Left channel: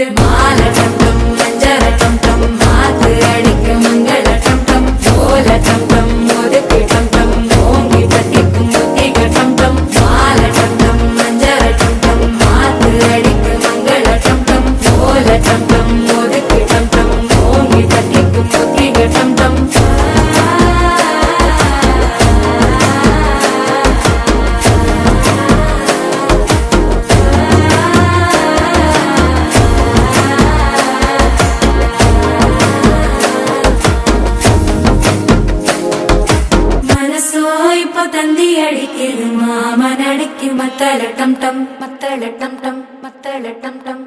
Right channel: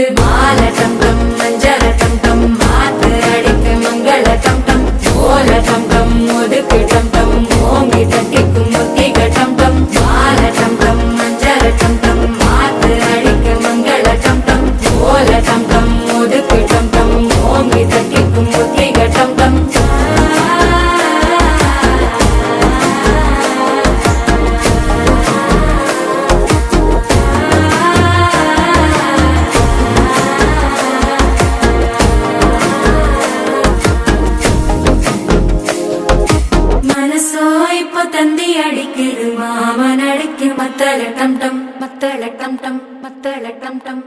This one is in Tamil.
அடிக்குது மாலை டம் டம் மஞ்சள டம் டம் மாத்து அடிக்க மங்கள டம் டம் ஓல டம் டம் ஒதுக்கு டம் டம் ஓங்கி தட்டிக்கும் முத்திக டம் டம் மாலை டம் டம் மஞ்சள டம் டம் மாத்து அடிக்க மங்கள டம் டம் ஓல டம் டம் ஒதுக்கு டம் டம் ஓங்கி தட்டிக்கும் முத்திக டம் டம் தந்தி அடிக்குது மாமன் அடிக்கு மத்தள டம் டம் மத்தள டம் டம் மத்தள டம் டம்